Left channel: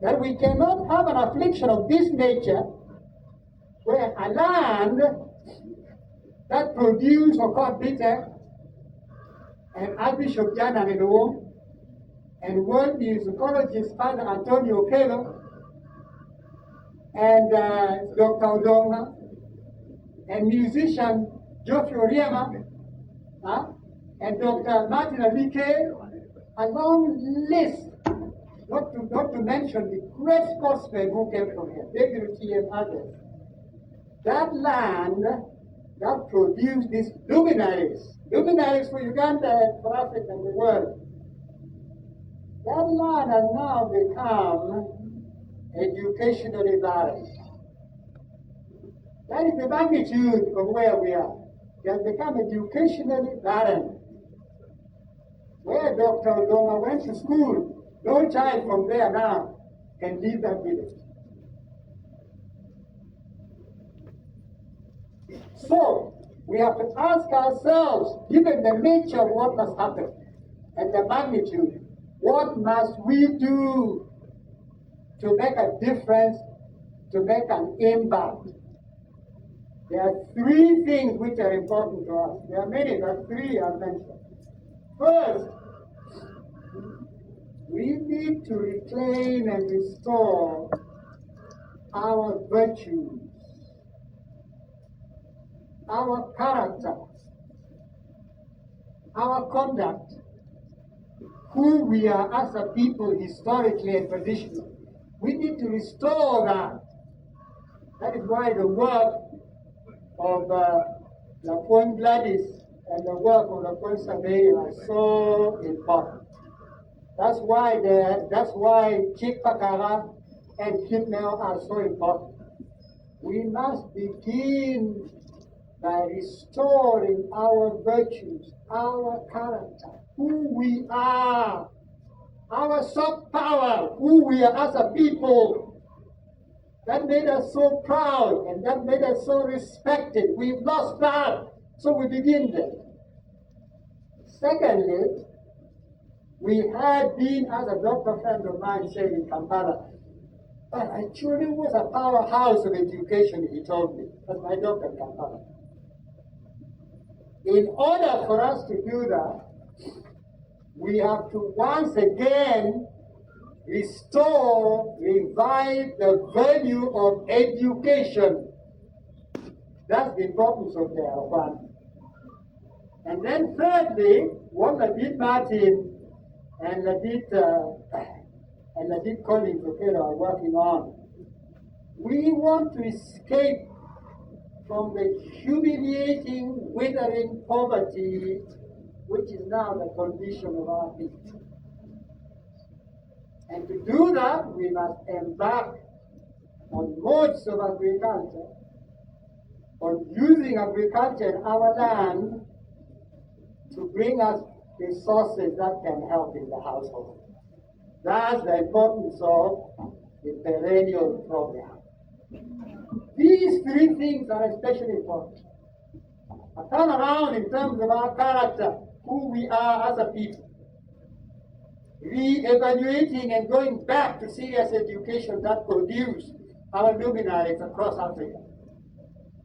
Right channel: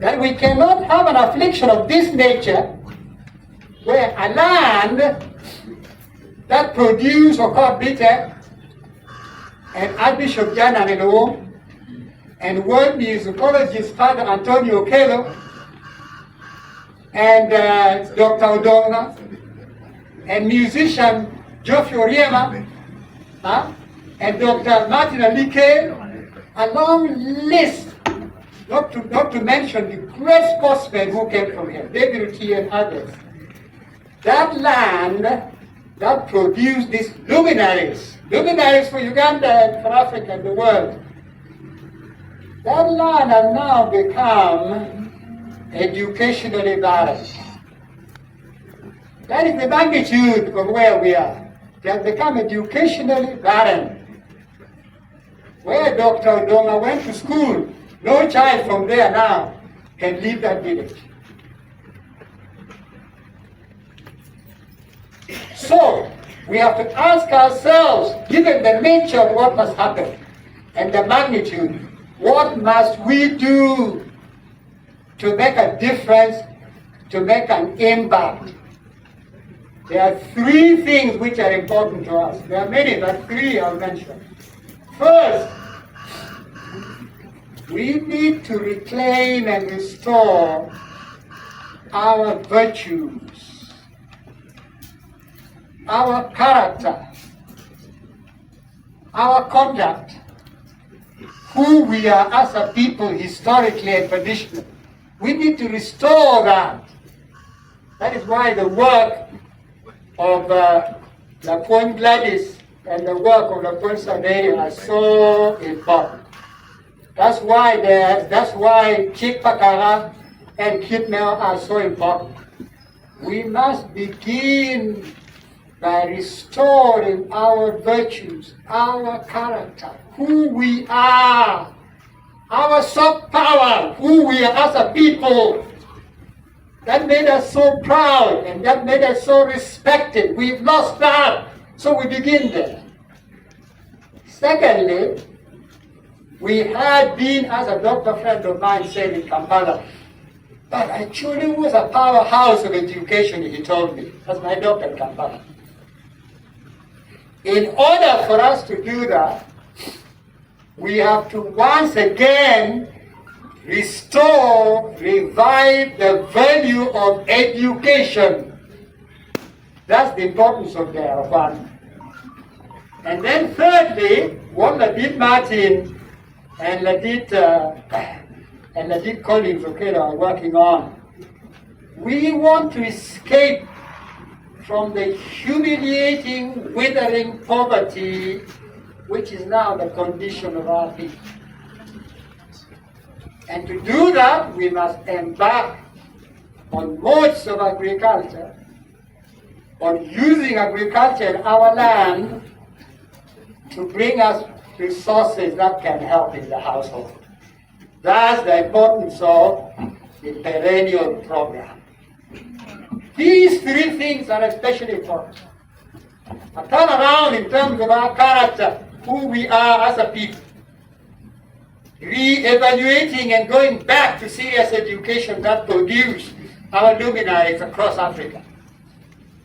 that we cannot have an affliction of this nature where a land that produce Okot bitter and Archbishop Jan Anelou and world musicologist Father Antonio Kelo and Dr. Odonga and musician Geoffrey Oriema and Dr. Martin Alike, a long list, not to mention the great sportsmen who came from here, David T and others. That land that produced these luminaries for Uganda, for Africa, and the world, that land has now become educationally barren. That is the magnitude of where we are. They have become educationally barren. Where Dr. Odonga went to school, no child from there now can leave that village. So, we have to ask ourselves, given the nature of what must happen and the magnitude, what must we do to make a difference, to make an impact? There are three things which are important to us. There are many, but three I'll mention. First, we need to reclaim and restore our virtues, our character, our conduct, who we are as a people historically and traditionally. We need to restore that. That is why the work of La Pointe Gladys and the work of La Pointe Sadeya are so important. That's why Kip Pakara and Kip Mel are so important. We must begin by restoring our virtues, our character, who we are, our soft power, who we are as a people. That made us so proud and that made us so respected. We've lost that, so we begin there. Secondly, we had been, as a doctor friend of mine said in Kampala, but Acholi was a powerhouse of education, he told me. That's my doctor in Kampala. In order for us to do that, we have to once again restore, revive the value of education. That's the importance of the one. And then thirdly, what Ladit Martin and Ladit Collins are working on, we want to escape from the humiliating, withering poverty which is now the condition of our people. And to do that, we must embark on modes of agriculture, on using agriculture in our land to bring us resources that can help in the household. That's the importance of the perennial program. These three things are especially important. A turnaround in terms of our character, who we are as a people. Re-evaluating and going back to serious education that produced our luminaries across Africa.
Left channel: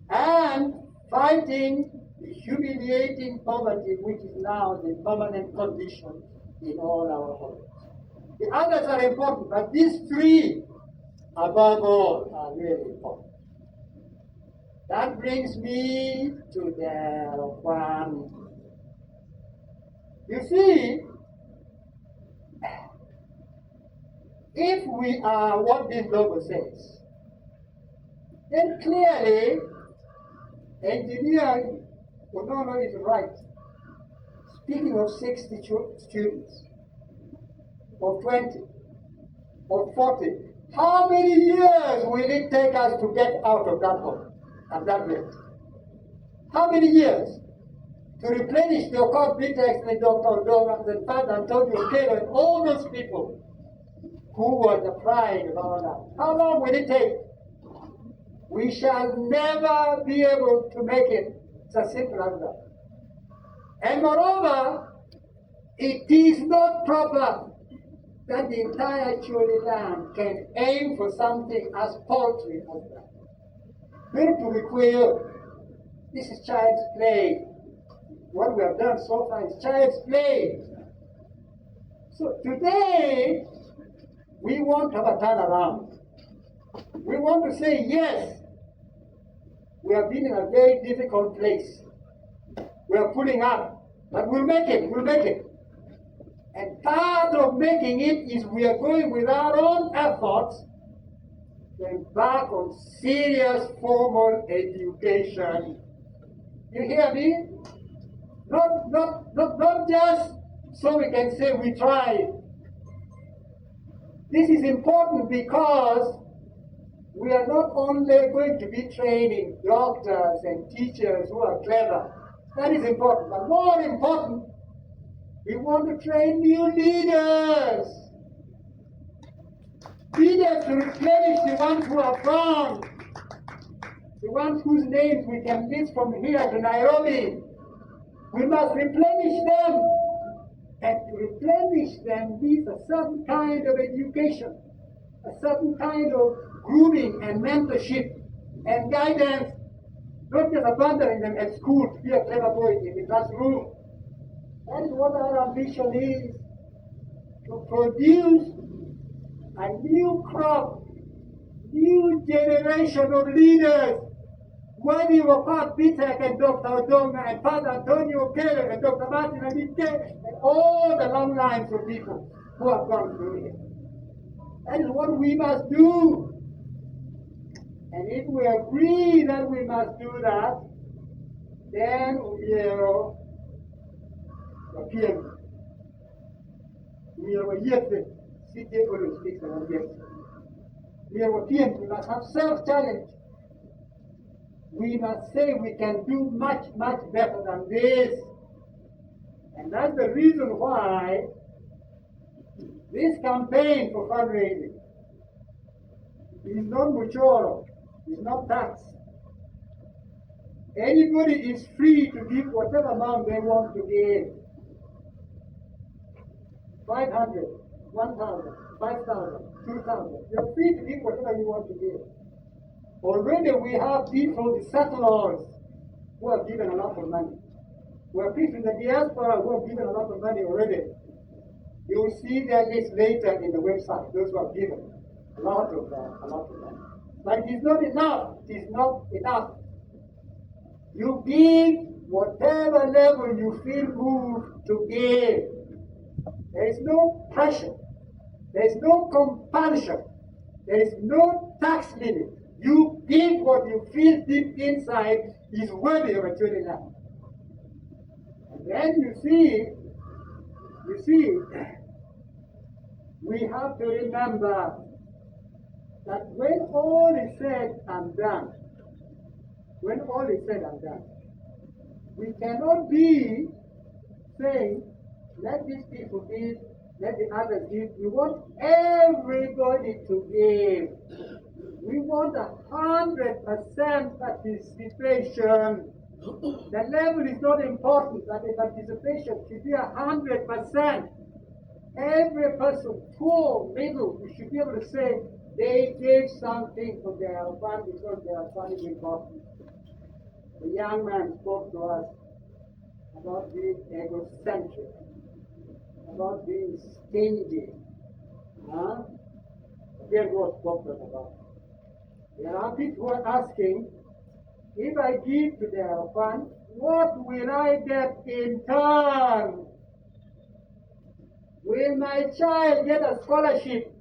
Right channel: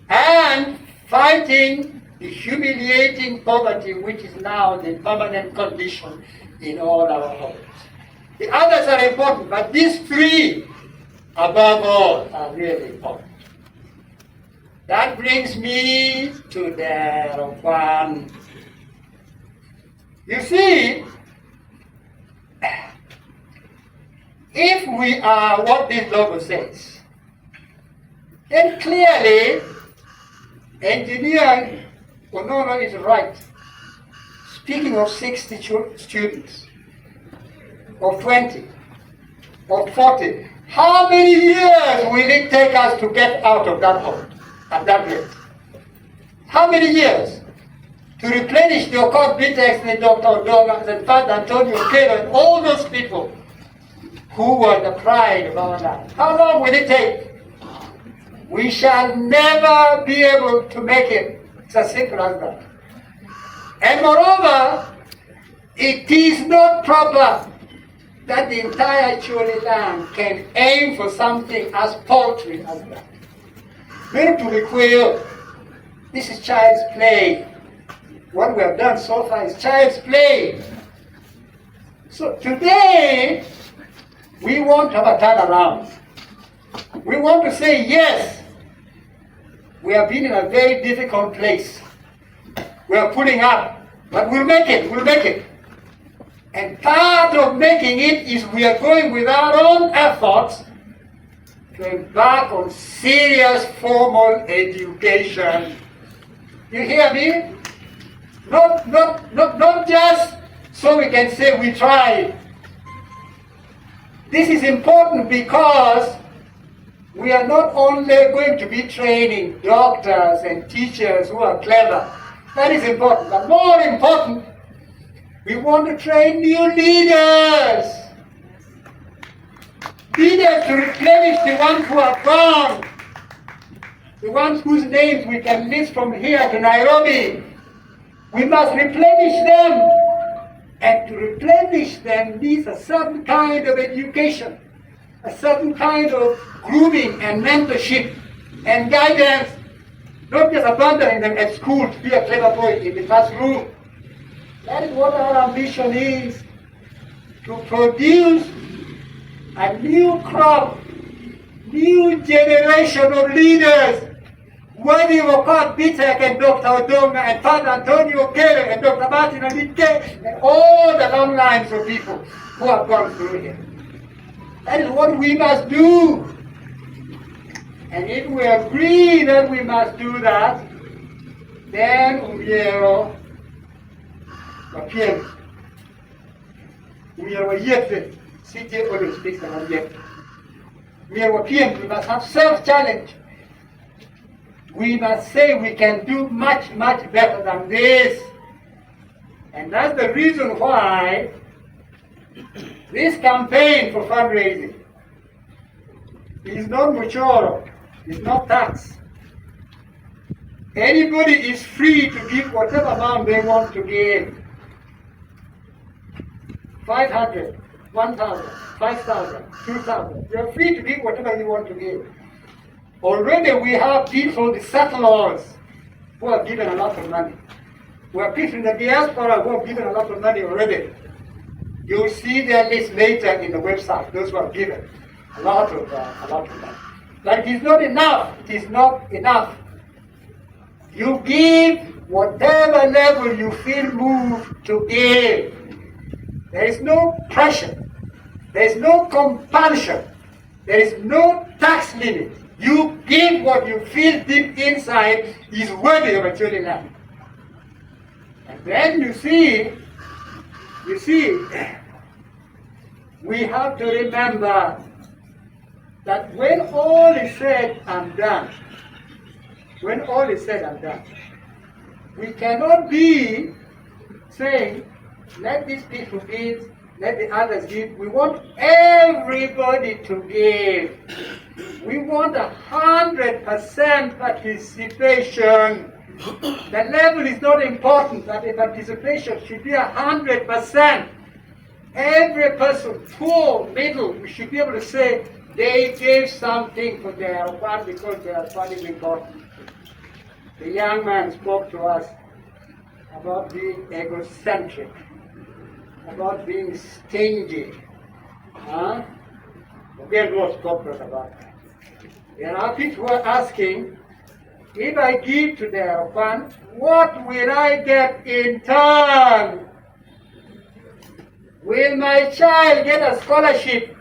And fighting the humiliating poverty which is now the permanent condition in all our homes. The others are important, but these three, above all, are really important. That brings me to the one. You see, if we are what this logo says, then clearly, engineer Onono is right. Speaking of 60 students, or 20, or 40, how many years will it take us to get out of that hole at that rate? How many years? To replenish the Okot Bitex and Dr. Odonga and Father Antonio Kelo and all those people who were the pride of our land. How long will it take? We shall never be able to make it. It's as simple as that. And moreover, it is not proper that the entire Acholi land can aim for something as paltry as that. Very to require, this is child's play. What we have done so far is child's play. So today, we want to have a turnaround. We want to say, yes, we have been in a very difficult place. We are pulling up, but we'll make it, we'll make it. And part of making it is we are going with our own efforts to embark on serious formal education. You hear me? Not just so we can say we tried. This is important because we are not only going to be training doctors and teachers who are clever. That is important. But more important, we want to train new leaders. Leaders to replenish the ones who are gone. The ones whose names we can list from here to Nairobi. We must replenish them. And to replenish them needs a certain kind of education, a certain kind of grooming and mentorship and guidance. Not just abandoning them at school to be a clever boy in the classroom. That is what our ambition is, to produce a new crop, new generation of leaders, worthy of Opat Bitek and Dr. Odoma and Father Antonio Gele and Dr. Martin Alike and all the long lines of people who have gone through here. That is what we must do. And if we agree that we must do that, then Umiero Wapiem. Umiero Yete, CJ always speaks about Yete. Umiero Wapiem, we must have self-challenge. We must say we can do much, much better than this. And that's the reason why this campaign for fundraising is not mutual, it's not tax. Anybody is free to give whatever amount they want to give. 500, 1,000, 5,000, 2,000. You're free to give whatever you want to give. Already we have people, the settlers, who have given a lot of money. We have people in the diaspora who have given a lot of money already. You'll see their list later in the website, those who have given a lot of money. But it is not enough. It is not enough. You give whatever level you feel moved to give. There is no pressure. There is no compulsion. There is no tax limit. You give what you feel deep inside is worthy of a Acholi land. And then you see, we have to remember that when all is said and done, we cannot be saying, let these people give, let the others give. We want everybody to give. We want 100% participation. The level is not important, but the participation should be 100%. Every person, poor, middle, we should be able to say they gave something for their one because their one is important. The young man spoke to us about being egocentric, about being stingy. Again, what spoke to us about that. There are people who are asking, if I give to their fund, what will I get in turn? Will my child get a scholarship?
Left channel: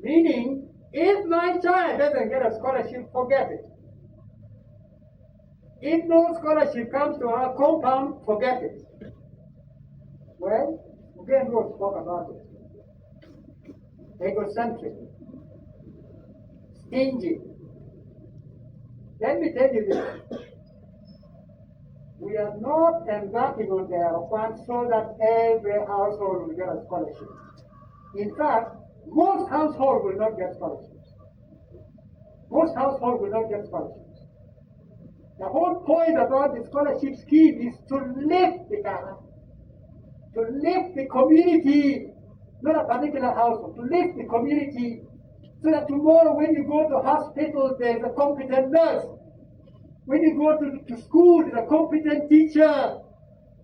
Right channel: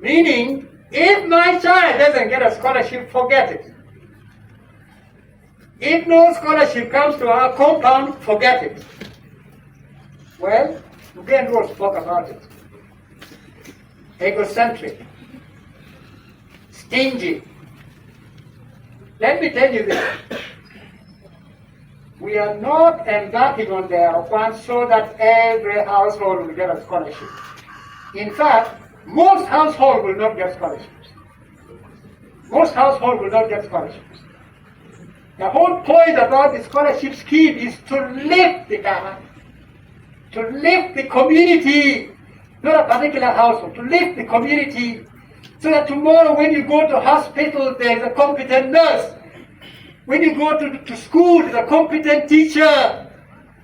Meaning, if my child doesn't get a scholarship, forget it. If no scholarship comes to our compound, forget it. Well, again, we'll spoke about it. Egocentric, stingy. Let me tell you this. We are not embarking on their funds so that every household will get a scholarship. In fact, most households will not get scholarships. Most households will not get scholarships. The whole point about the scholarship scheme is to lift the government, to lift the community, not a particular household, to lift the community so that tomorrow when you go to hospital, there's a competent nurse. When you go to school, there's a competent teacher.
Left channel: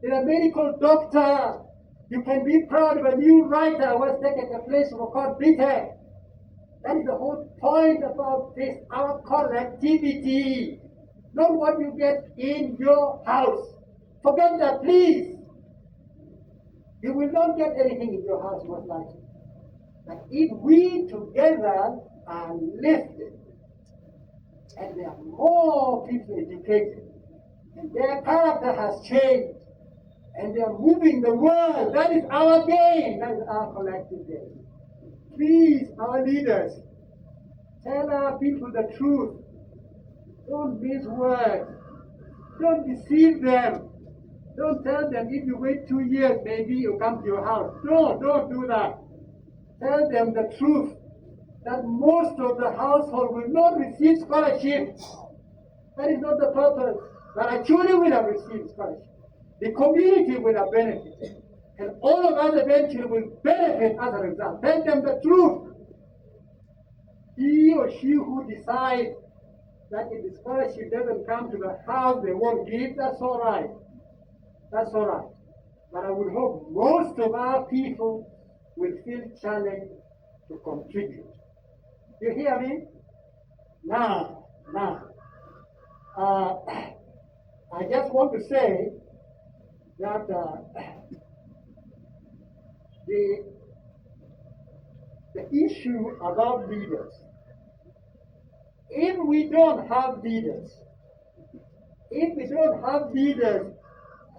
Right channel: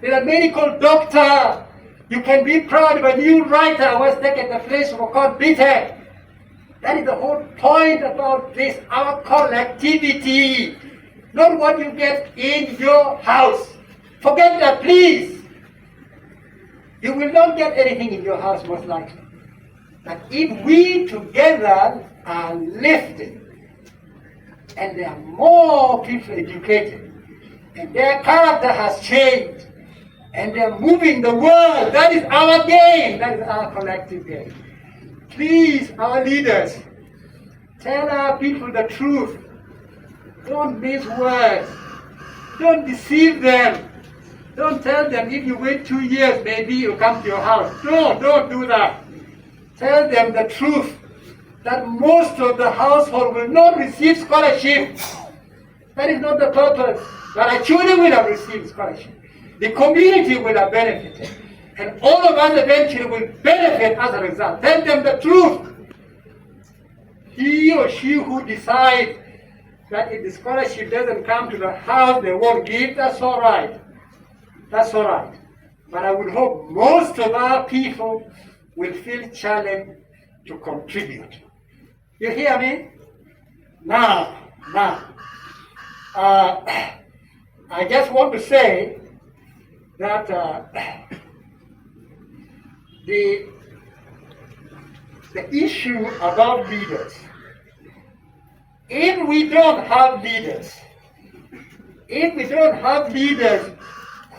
There's a medical doctor. You can be proud of a new writer who has taken the place of a court bitter. That is the whole point about this, our collectivity. Not what you get in your house. Forget that, please. You will not get anything in your house, most likely. But if we together are lifted, and there are more people educated, and their character has changed, and they're moving the world, that is our game, that is our collective game. Please, our leaders, tell our people the truth. Don't mince words. Don't deceive them. Don't tell them if you wait 2 years, maybe you'll come to your house. No, don't do that. Tell them the truth, that most of the household will not receive scholarship. That is not the purpose. But Acholi will have received scholarship. The community will have benefited. And all of us eventually will benefit as a result. Tell them the truth. He or she who decides that if the scholarship doesn't come to the house, they won't give, that's all right. That's all right. But I would hope most of our people will feel challenged to contribute. You hear me? Now, I just want to say that the issue about leaders, if we don't have leaders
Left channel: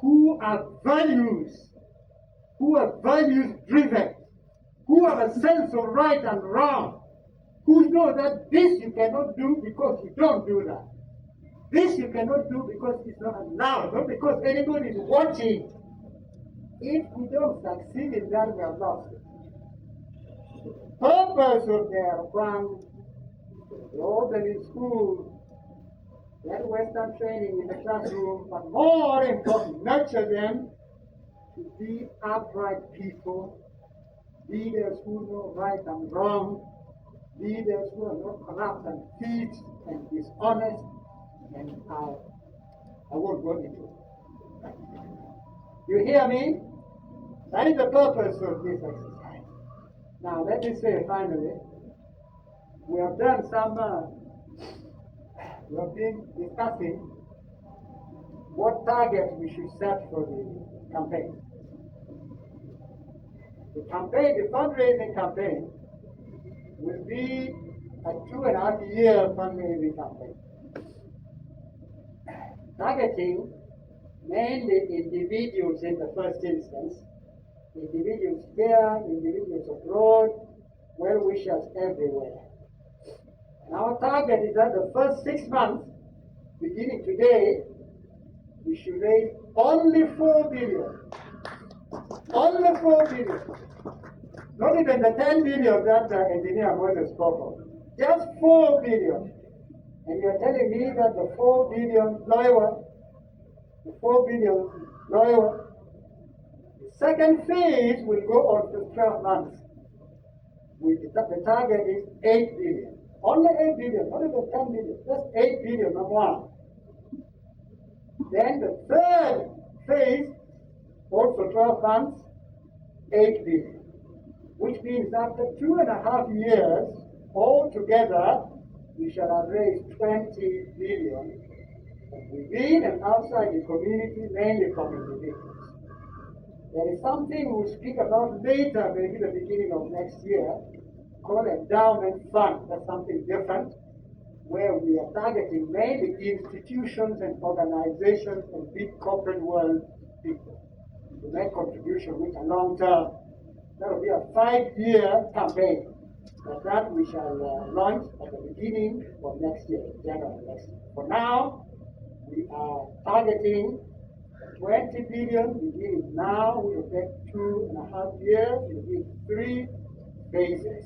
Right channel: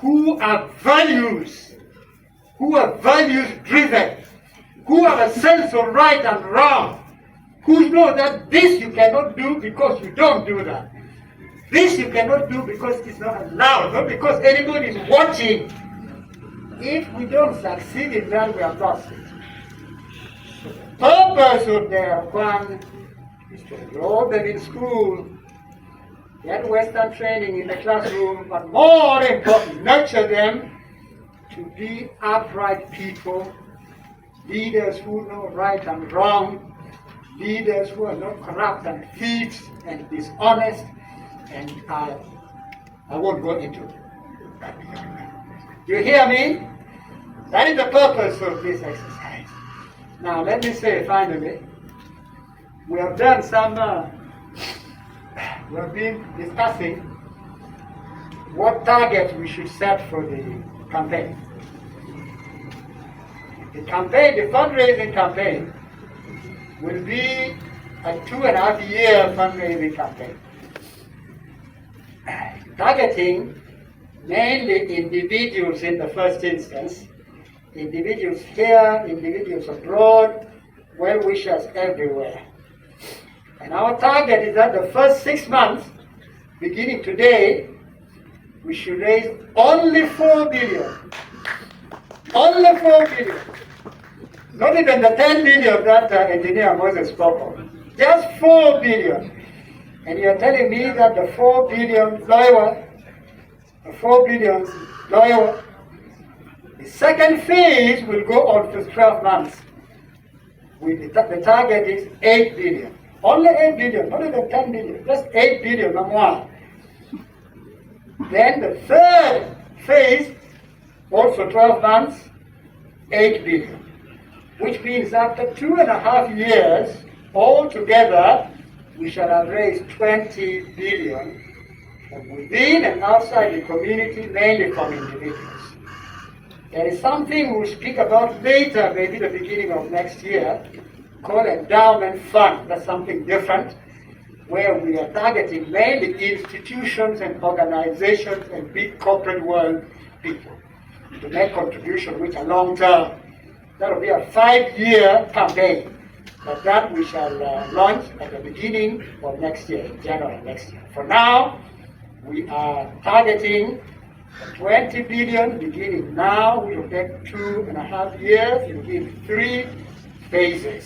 who are values driven, who have a sense of right and wrong, who know that this you cannot do because you don't do that. This you cannot do because it's not allowed, not because anybody is watching. If we don't succeed in that, we have lost it. So the purpose of their fund is to enroll them in school, get Western training in the classroom, but more important, nurture them to be upright people, leaders who know right and wrong, leaders who are not corrupt and thieves and dishonest, and I won't go into it. You hear me? That is the purpose of this exercise. Now let me say finally, we have done some, we have been discussing what targets we should set for the campaign. The fundraising campaign, will be a 2.5-year fundraising campaign, targeting mainly individuals in the first instance, individuals here, individuals abroad, well-wishers everywhere. And our target is that the first 6 months, beginning today, we should raise only 4 billion. Only 4 billion. Not even the 10 billion that engineer Moses spoke of. Just 4 billion. And you're telling me that the 4 billion lower, the second phase will go on for 12 months. The target is 8 billion. Only 8 billion, not even 10 billion, just 8 billion, not one. Then the third phase, also 12 months, 8 billion. Which means after 2.5 years, altogether, we shall have raised 20 billion from within and outside the community, mainly from individuals. There is something we'll speak about later, maybe the beginning of next year, called endowment fund. That's something different, where we are targeting mainly institutions and organizations and big corporate world people to make contributions which are long-term. That will be a 5-year campaign, but that we shall launch at the beginning of next year, January next year. For now, we are targeting 20 billion beginning now. We will take 2.5 years. It will give 3 phases.